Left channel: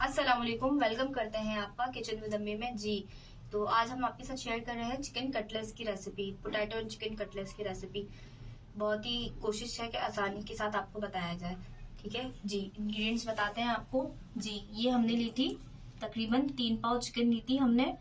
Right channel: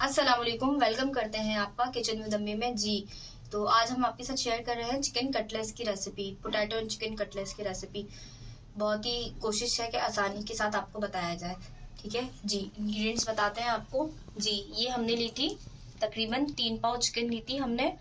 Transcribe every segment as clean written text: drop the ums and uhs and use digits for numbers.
अस्सलाम वालेकुम, वेलकम करते हैं आपका किचन विद अम्मी में जी। तो आज हम आपके साथ शेयर कर रहे हैं चिकन कटलेट्स की recipe, potato and chicken cutlets की रेसिपी। बहुत ही कोशिश है कि आसानी के साथ आपको बताया जाए। ठीक है जी, इंग्रेडिएंट्स बताते हैं आपको जी। ये हमने ली थी तकरीबन 3 पाव चिकन ली थी हमने।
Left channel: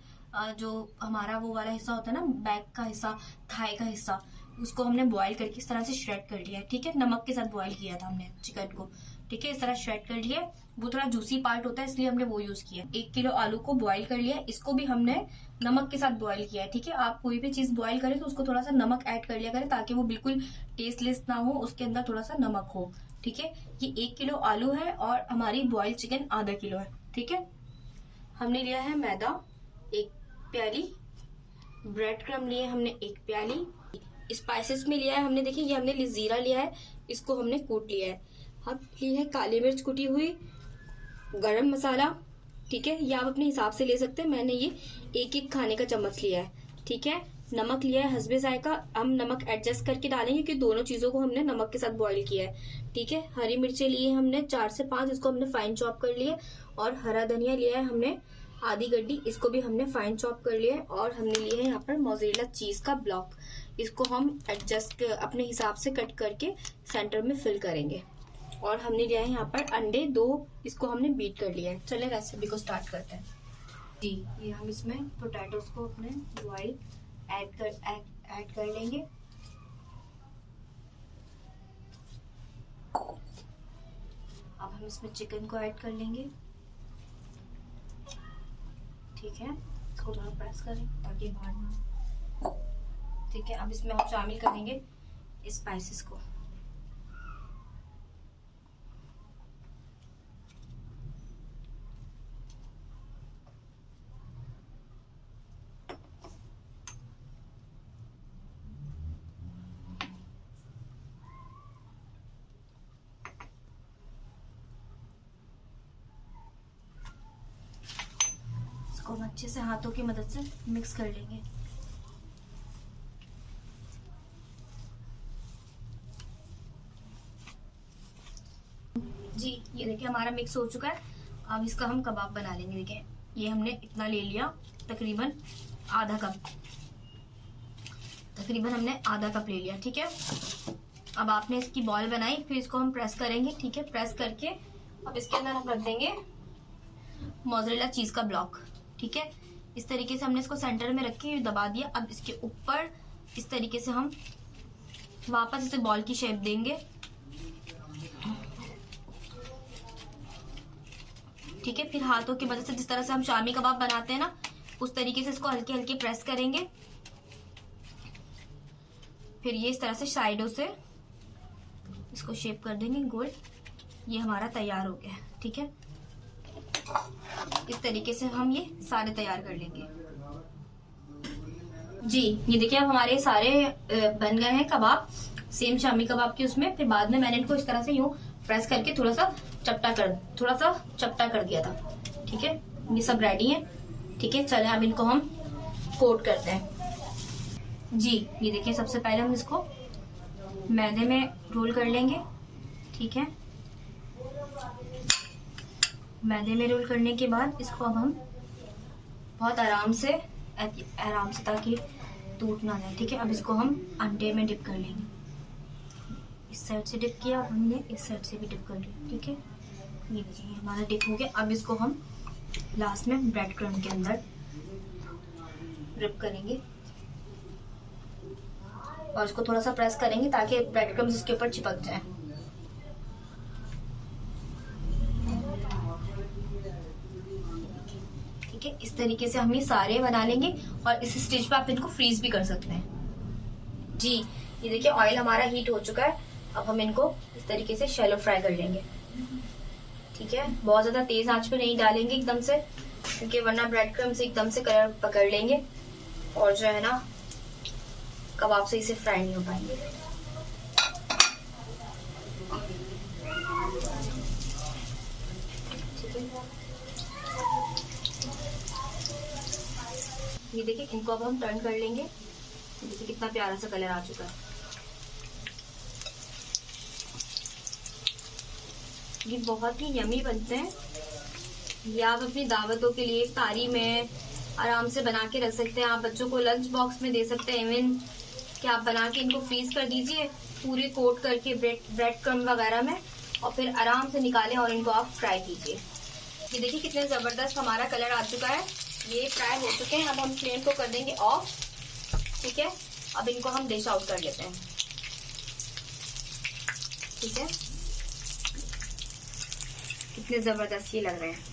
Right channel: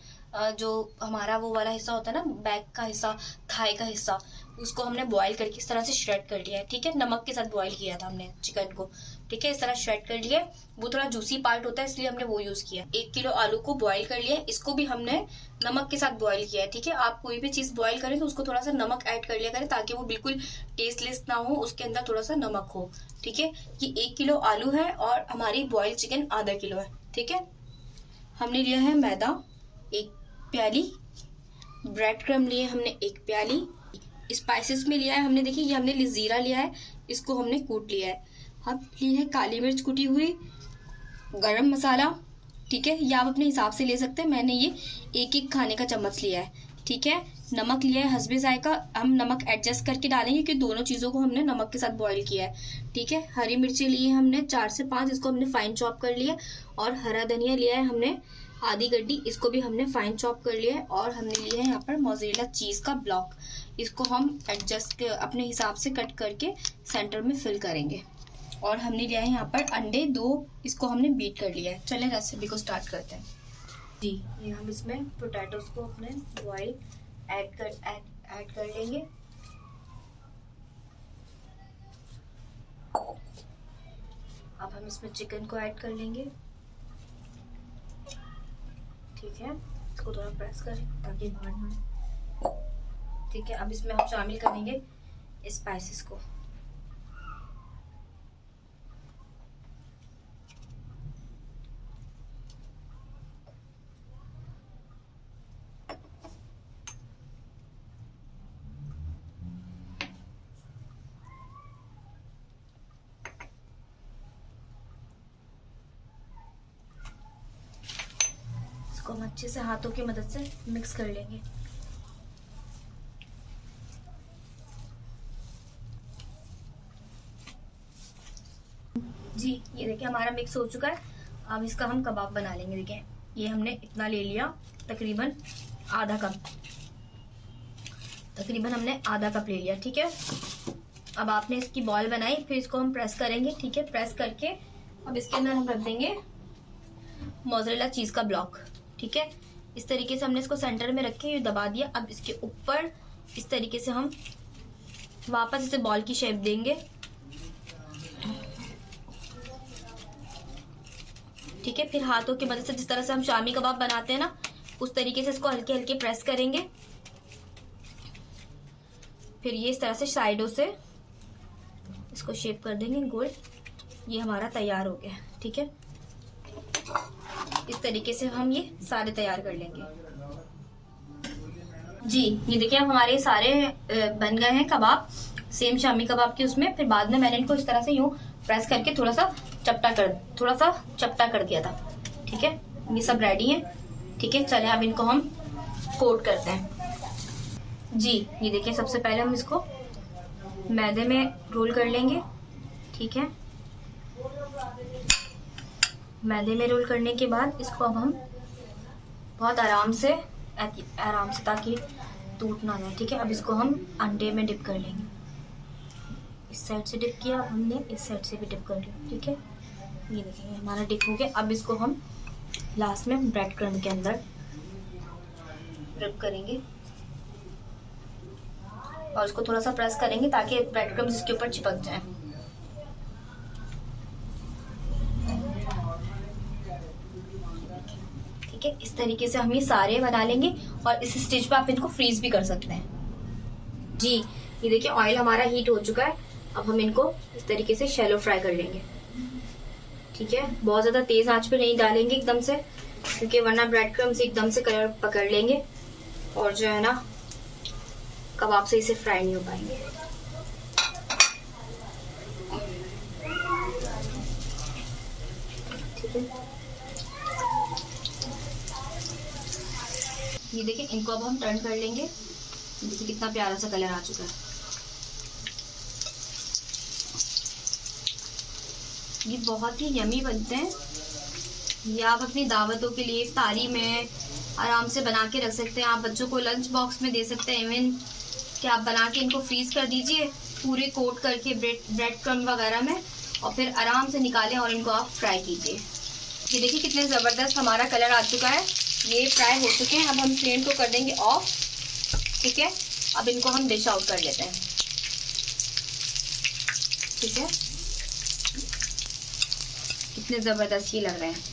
जो हमारा वो वाला हिस्सा होता है ना, बैक का हिस्सा, थाई का हिस्सा, उसको हमने बॉईल करके इस तरह से श्रेड कर लिया है। ठीक है, नमक के साथ बॉईल किया था हमने चिकन को। ठीक है, इस तरह श्रेड कर लिया। वो थोड़ा जूसी पार्ट होता है इसलिए हमने वो यूज किया। 1 किलो आलू को बॉईल कर लिया, इसको भी हमने नमक के साथ बॉईल किया है। ठीक है, आप कोई भी चीज बॉईल करें तो उसको थोड़ा सा नमक ऐड कर लिया करें ताकि वो बिल्कुल टेस्टलेस ना हो, उसके अंदर थोड़ा सा नमक हो। ठीक है, ये 1 किलो आलू है और हमारी बॉइल्ड चिकन आधा किलो है। ठीक है, हमने लिया है मैदा 1 प्याली, ब्रेड क्रम लिए हमने 1 प्याली, स्पाइसेस में लिया है हमने, देखिए ये हमने जीरा लिया है, इसको हमने कूट लिया है। अब ली है काली मिर्च कुटी हुई, गरम मसाला। ठीक है, ये आप अपने हिसाब से ले सकते हैं, मैंने ये 1-1 खाने का चम्मच लिया है। ठीक है, नमक लिया है हस्बे जायका, हम नमक एडजस्ट करके डालेंगे क्योंकि दोनों चीजों को हमने नमक के साथ बॉईल किया है। ठीक है, हरी मिर्चें लिए हमने 4 से 5, इसको हमने फाइन चॉप कर लिया। और हरा धनिया लिया है हमने आधी गड्डी, इसको भी हमने फाइन चॉप कर लिया है। और हमने लिया है यहाँ पर मोज़रेला चीज का ब्लॉक, इसको हम एडजस्ट अपने हिसाब से कट करके सेंटर में फिल करेंगे। और हमने लिया है यहाँ पर अंडे 2, इसको हमने बीट कर लिया है। चले रेसिपी को स्टार्ट करते हैं जी। ये हम इसमें पोटैटोज को अपने बॉईल ऐड कर लेंगे। अब हम इसमें चिकन को ऐड कर लेंगे। ठीक है, इसको थोड़ा प्रेस करें ताकि बाहर ना। ठीक है, अब इसमें हम शामिल करेंगे स्पाइसेस को। इसको हम अच्छे से हाथों की मदद से मिक्स कर लेंगे। जी, ये देखिए हमारा मिक्स हो चुका है। अब इसका हम कबाब बना लेंगे। देखिए ये हमने इतना ले लिया, तकरीबन आधा कप, तकरीबन हमने आधा कप ले लिया। ठीक है, अब आपने इसकी बॉल बनाई, फिर इसको हम प्रेस करेंगे। ठीक है, प्रेस करके अब इसके अंदर हम रख देंगे मोज़रेला चीज का ब्लॉक। ठीक है, इस तरीके से हमने इसको सेंटर में रख के दबा दिया। अब इसके ऊपर इस तरीके से हम वापस इसे बॉल की शेप देंगे। ठीक है, फिर हाथों की मदद से जिस तरह से हम शामी कबाब बनाते हैं ना, उस तरीके से इसको हल्के हल्के प्रेस करेंगे। फिर ये इस तरह से साइडों से इसको शेप कर देंगे गोल। ये हमारा तैयार हो गया। ठीक है, इस तरीके से हम ये सारे तैयार कर लेंगे जी। ये देखिए हमारे सारे बन गए हैं कबाब, सेम शामी कबाब के उसमें। फिर बाद में मैंने इनको इस तरह से यूं प्रेस करके थोड़ा सा चपटा कर दिया था। ठीक है, ये सब रेडी है। ठीक है, चले अब इनको हम कोट करते हैं जी। ये देखिए सबसे पहले हम इसको मैदे में रोल कर लेंगे। ठीक है, मैदे में रोल करने के बाद इसको अब हम बहुत आराम से ताकि टूट ना जाए। ठीक है, अब इसको हम अंडे में डिप कर लेंगे। इस साइड से डिप किया, अब हमने इस साइड से भी डिप कर लिया। ठीक है, ये देखिए हमारा डिप हो गया। अब इसको हम लास्ट में ब्रेड क्रम्ब के अंदर डिप करेंगे और इसको थोड़ा सा प्रेस करेंगे ताकि ब्रेड क्रम्ब इसके ऊपर चिपक जाए। ठीक है, इस तरीके से हम ये सारे बना लेंगे और इस स्टेज पे आप इनको फ्रीज भी कर सकते हैं जी। ये देखिए ऑयल हमारा हीट हो चुका है। अब हम इनको इस तरीके से शैलो फ्राई कर लेंगे। ठीक है, बहुत ज्यादा तेज आंच पे नहीं डालेंगे एकदम से, क्योंकि वरना ब्रेड क्रम्स एकदम से कलर पकड़ लेंगे और जो है ना कबाब सही से फ्राई नहीं हो पाएंगे। ठीक है, ये देखिए इनको अब हम टर्न कर लेंगे। देखिए कितना प्यारा सा कलर आ चुका है। ये बहुत ही यमी बनते हैं। ये आप अपनी दावतों के लिए इफ्तारी में आराम से बना के रख सकते हैं। आप बच्चों को लंच बॉक्स में दे सकते हैं। इवन कि आप बना के इनको फ्रीज कर दीजिए पूरे कोट करके ब्रेड क्रम्ब वगैरह में, और फिर आराम से निकालें और इनको आप फ्राई कीजिए। ये देखिए कितने ज़बरदस्त हमारा कलर आ चुका है। ये फ्राई हो चुके हैं। अब हम फ्लेम को कर देंगे ऑफ। ठीक है, अब इनको हम डिश आउट कर लेते हैं। ठीक है, कितने ज़बरदस्त ये लग रहे हैं।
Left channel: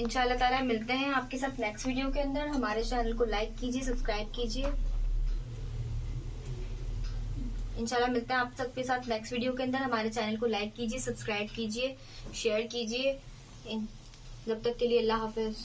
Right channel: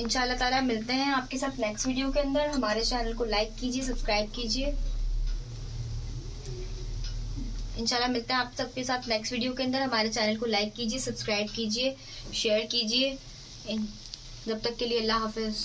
इंशाल्लाह ताला मिलते हैं आपके साथ नेक्स्ट वीडियो के अंदर। हमारे चैनल को लाइक कीजिए, सब्सक्राइब कीजिए। इंशाल्लाह मिलते हैं आप सबके साथ नेक्स्ट वीडियो के अंदर। हमारे चैनल को लाइक कीजिए, सब्सक्राइब कीजिए, शेयर कीजिए। जब तक के लिए अल्लाह हाफिज।